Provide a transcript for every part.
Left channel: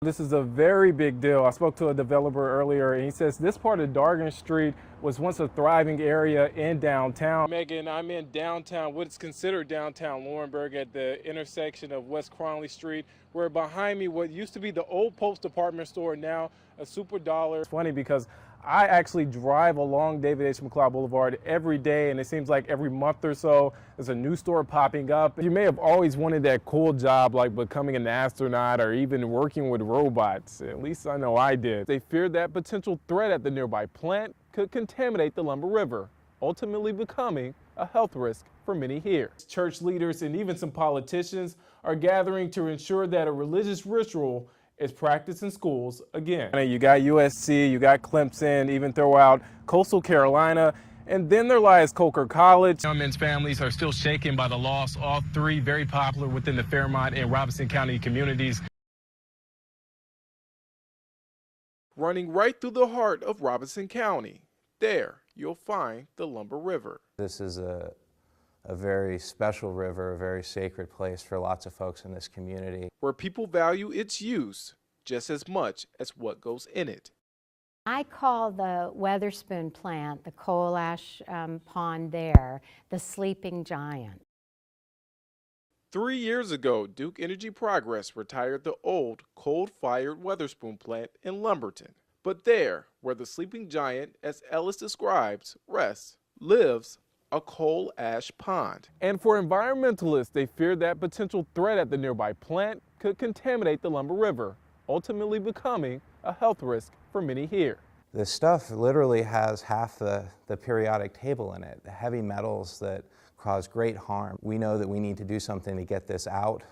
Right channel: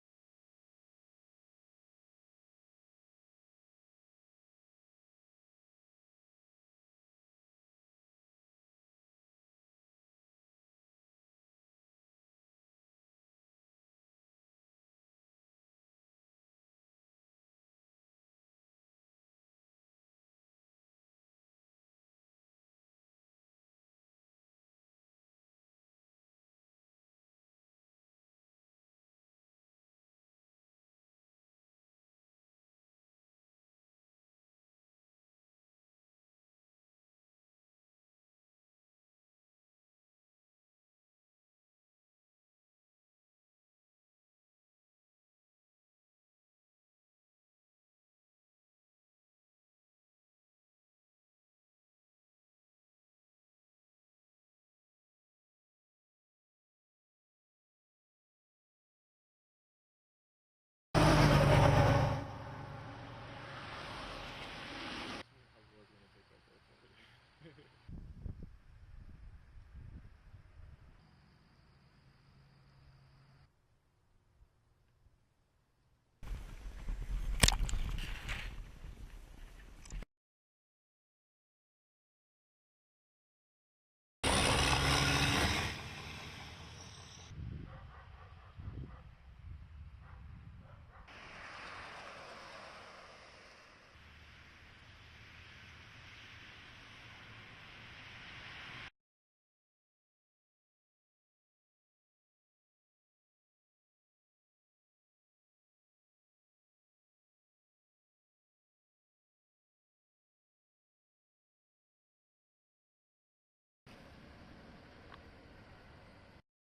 This is a very big deal. I spoke to a developer earlier and he says this part of Dargan Street was once a thriving area in downtown. Megan, I'm in downtown, what's considered downtown Laurinburg at the intersection of West Cronley Street, where behind me what used to be the old Post department store, now a Super Dollar. It's funny because I actually drive along David H. McLeod Boulevard every day, and it seems like every month or so there's a new store popping up. You may have always wanted that cool job like becoming an astronaut or even working with robots. At least I know I did. They feared that potential threat at the nearby plant could contaminate the Lumber River, ultimately becoming a health risk for many here. Church leaders and even some politicians are gathering to ensure that a religious ritual is practiced in schools again. You got USC, you got Clemson, even throw out Coastal Carolina, and then there lies Coker College. Young men's families are still shaken by the loss. All three very popular within the Fairmont and Robinson County communities. Running right through the heart of Robinson County. There, you'll find the Lumber River. This is a very special river, a very sacred place for lots of folks in this community. Where people value its use just as much as what goes in it. I call the Weatherspoon plant, the coal ash pond there, the sleeping giant. 3 years ago, Duke Energy Progress retired the old coal-fired Weatherspoon plant in Lumberton. But there, where the sleeping giant, as Ellis describes, rests, lives a coal ash pond. And for environmentalists, they feared that potential threat at the nearby plant could contaminate the Lumber River, ultimately becoming a health risk for many here. This stuff literally has half the periodic table in it, the heavy metals that cause great harm. We know that we need to do something to get this out.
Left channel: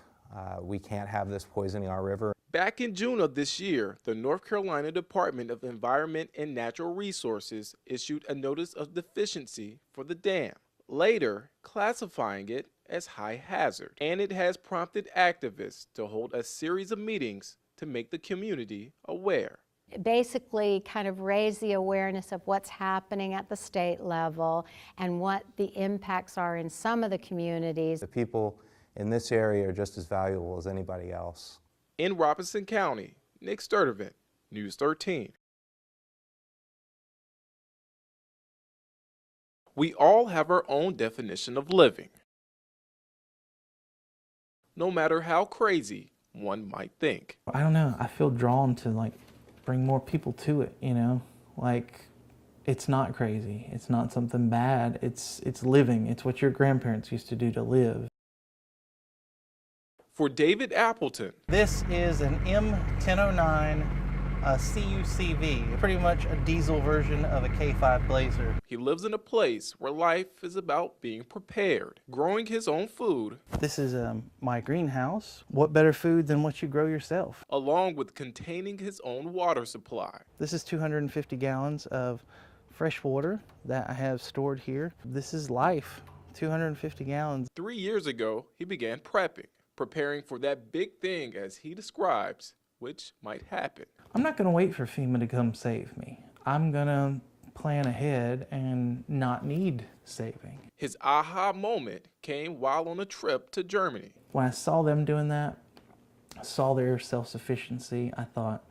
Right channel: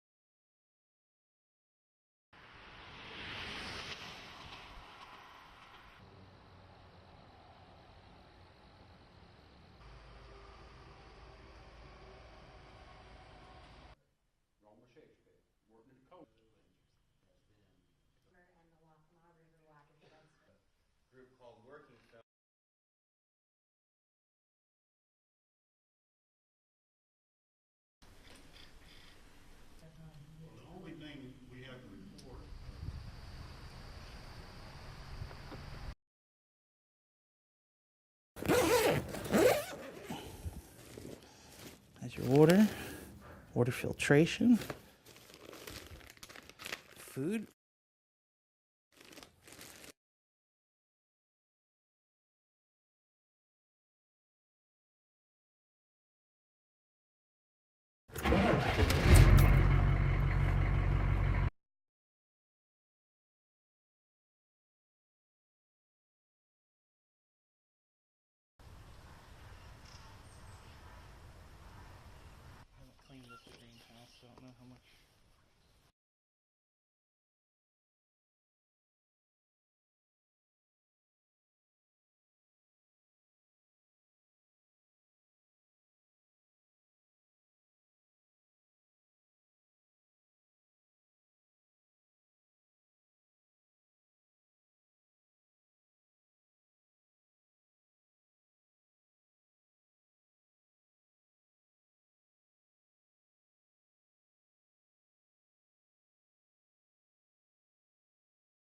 We can't have this poisoning our river. Back in June of this year, the North Carolina Department of Environment and Natural Resources issued a notice of deficiency for the dam, later classifying it as high hazard. And it has prompted activists to hold a series of meetings to make the community aware. Basically kind of raise the awareness of what's happening at the state level and what the impacts are in some of the communities. The people in this area are just as valuable as anybody else. In Robinson County, Nick Sturdivant, News 13. We all have our own definition of living. Your water filtration. No matter how crazy one might think. Food. I don't know, I feel drawn to like bring more people to it, you know? Like, it's not crazy, it's not something bad, it's living, it's what your grandparents used to do to live. For David Appleton, this is an M1009 CUCV, pretty much a diesel version of a K5 Blazer. He lives in a place where life is about being prepared, growing his own food. This is my greenhouse. What better food than what you grow yourself? Along with containing his own water supply. This is 250 gallons of fresh water that I have stored here. This is life, 250 gallons. 3 years ago, he began preparing for that big thing, as he describes, which might happen. I'm not gonna wait for FEMA to come save me. I'm gonna plan ahead and not need saving. His aha moment came while on a trip to Germany. When I saw them doing that, I saw their self-sufficiency, I thought,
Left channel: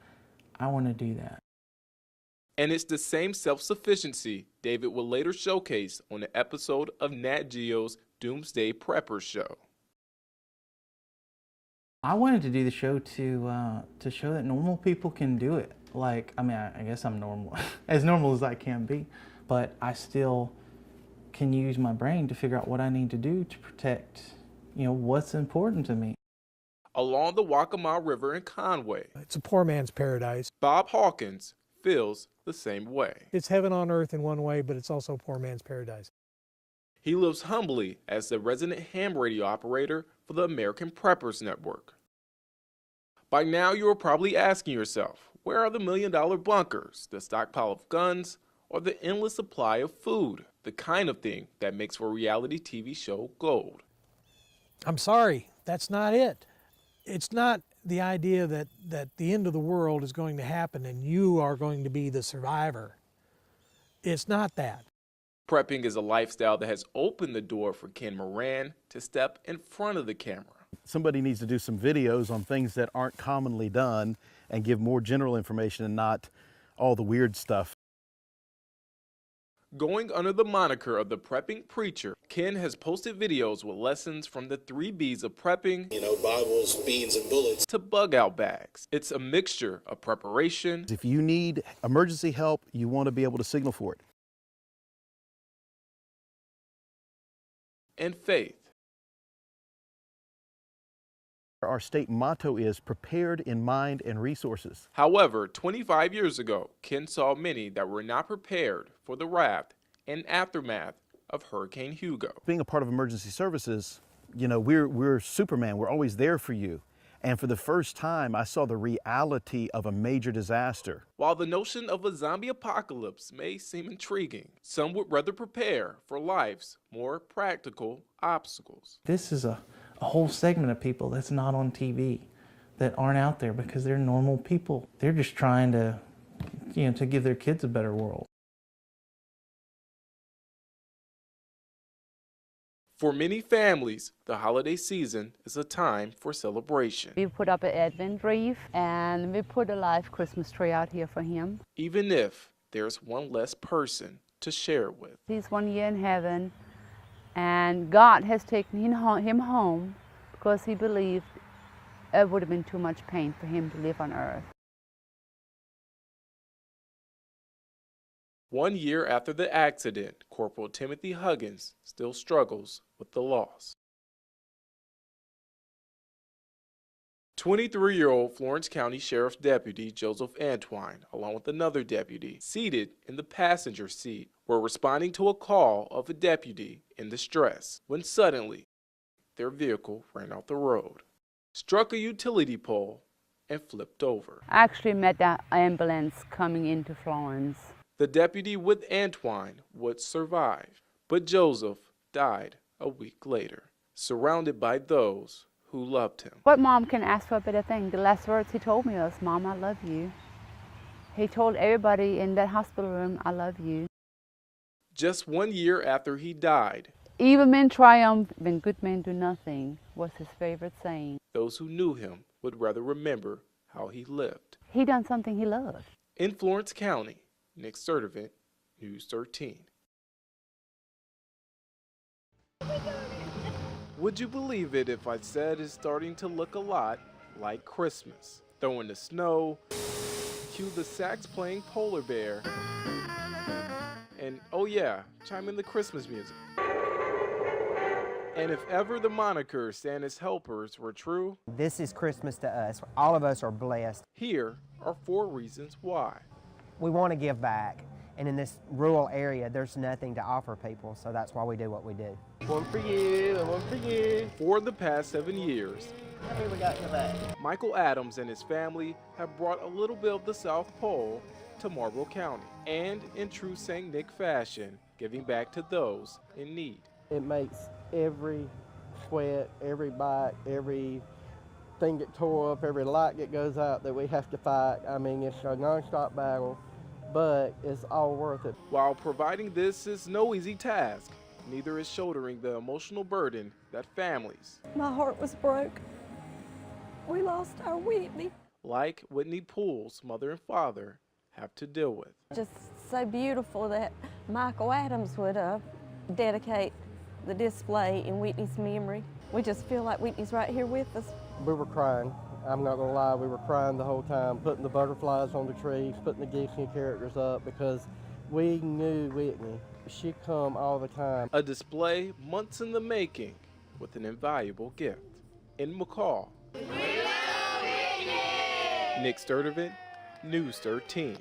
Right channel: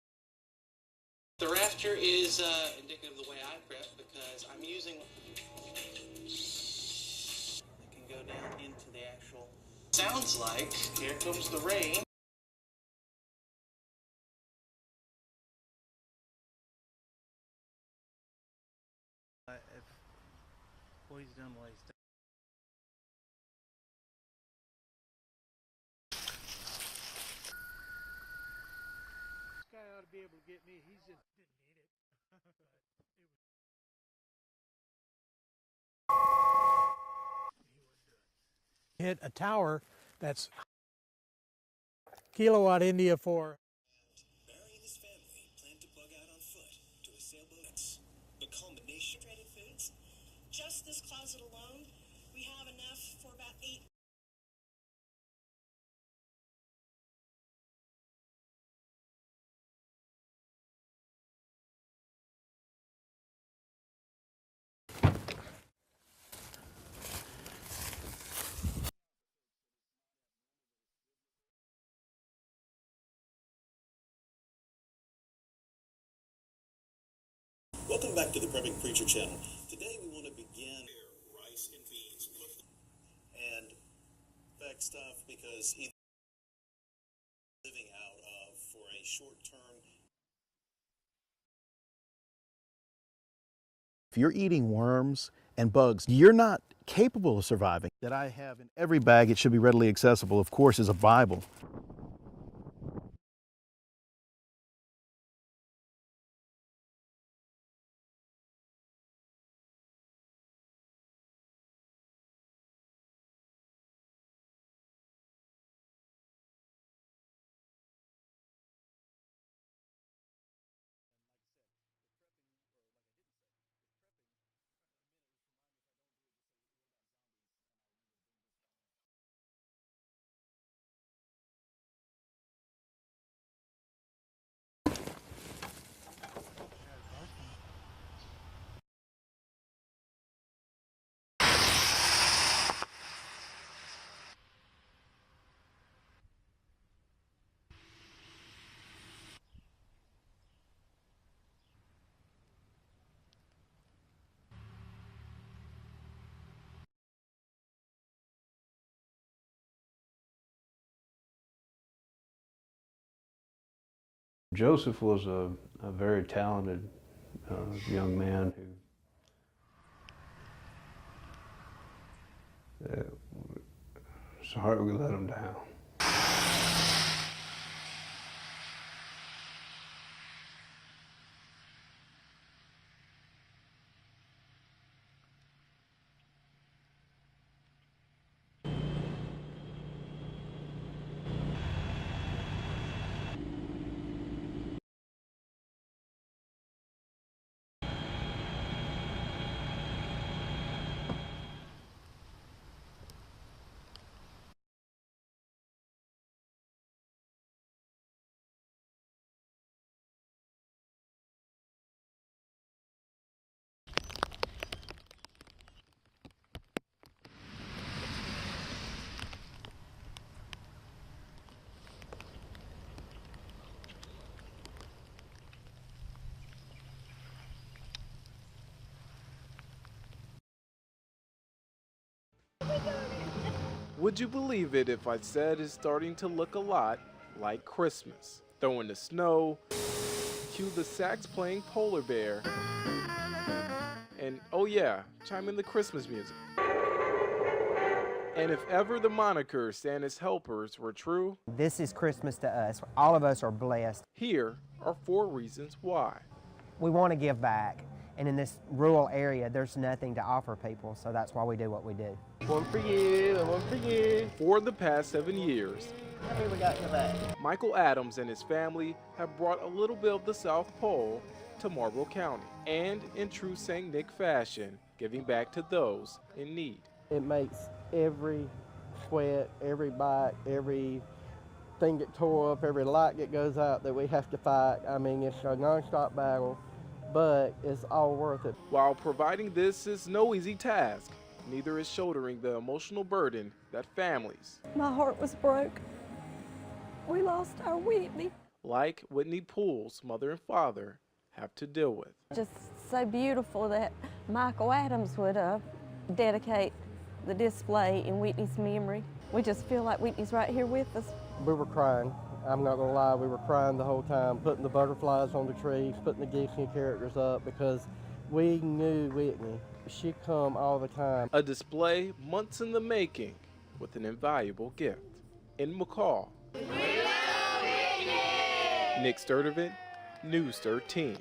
I want to do that. The rapture is... And it's the same self-sufficiency David will later showcase on an episode of Nat Geo's Doomsday Prepper Show. Sounds like here comes the rain. I wanted to do the show to show that normal people can do it. Like, I mean, I guess I'm normal, as normal as I can be, but I still can use my brain to figure out what I need to do to protect, you know, what's important to me. Along the Waccamaw River in Conway, it's a poor man's paradise. Bob Hawkins feels the same way. It's heaven on earth in one way, but it's also a poor man's paradise. He lives humbly as the resident ham radio operator for the American Preppers Network. Kilowatt India 4. By now, you are probably asking yourself, where are the million-dollar bunkers, the stockpile of guns, or the endless supply of food, the kind of thing that makes for a reality TV show gold? I'm sorry, that's not it. It's not the idea that the end of the world is going to happen and you are going to be the survivor. It's not that. Prepping is a lifestyle that has opened the door for Ken Moran to step in front of the camera. Somebody needs to do some videos on things that aren't commonly done, and give more general information and not all the weird stuff. Welcome back to the Prepping Preacher channel. Going under the moniker of the Prepping Preacher, Ken has posted videos with lessons from the 3 B's of prepping, You know, Bibles, beans, and bullets. to bug out bags. It's a mixture of preparation. If you need emergency help, you want to be able to signal for it. If you're eating worms and bugs, you're not capable of surviving. And I faith. have in every bag, it should be readily accessible, of course, is a Bible. Our state motto is prepared in mind and resources. However, 25 years ago, Ken saw many that were not prepared for the wrath and aftermath of Hurricane Hugo. Being a part of emergency services, you know, we're Superman. We're always there for you. And for the first time, I saw the reality of a major disaster. While the notion of a zombie apocalypse may seem intriguing, some would rather prepare for life's more practical obstacles. This is a whole segment of people that's not on TV, that aren't out there because they're normal people. They're just trying to, to give their kids a better world. For many families, the holiday season is a time for celebration. We put up an Advent wreath and we put a live Christmas tree out here for him. Even if there's one less person to share it with. He's 1 year in heaven, and God has taken him home because he believed it would have been too much pain for him to live on earth. Joseph was a very talented young man. 1 year after the accident, Corporal Timothy Huggins still struggles with the loss. It's hard we let him down. 23-year-old Florence County Sheriff's Deputy Joseph Antwine, along with another deputy, seated in the passenger seat, were responding to a call of a deputy in distress when suddenly their vehicle ran off the road, struck a utility pole, and flipped over. I actually met that ambulance coming into Florence. The deputy with Antwine would survive, but Joseph died a week later, surrounded by those who loved him. What mom can ask for a better thing? The last words he told me was, "Mom, I love you." He told everybody in that hospital room, "I love you." Just 1 year after he died, "Evil men triumph, then good men do nothing," was his favorite saying. those who knew him would rather remember how he lived. He done something he loved. In Florence County, Nick Sturdivant, News 13. Would you believe it if I said it's starting to look a lot like Christmas? Throw in the snow, cue the sax playing polar bear, and oh yeah, chime in the Christmas music. And if ever the moniker Santa's helpers were true, this is Christmas to us. All of us are blessed. here are 4 reasons why. We want to give back, and in this rural area, there's nothing to offer people, so that's why we do what we do. One for you, and one for you. For the past 7 years, How many we got today? Michael Adams and his family have brought a little bit of the South Pole to Marlboro County, and in true St. Nick fashion, giving back to those in need. It makes every sweat, every bite, every thing get tore up, every light that goes out that we have to fight. I mean, it's a non-stop battle, but it's all worth it. While providing this is no easy task, neither is shouldering the emotional burden that families, My heart was broke. We lost our Whitney. like Whitney Poole's mother and father, have to deal with. Just so beautiful that Michael Adams would dedicate the display in Whitney's memory. We just feel like Whitney's right here with us. We were crying. I'm not gonna lie, we were crying the whole time, putting the butterflies on the trees, putting the Disney characters up, because we knew Whitney. She'd come all the time. A display months in the making with an invaluable gift. In McCall, Nick Sturdivant, News 13.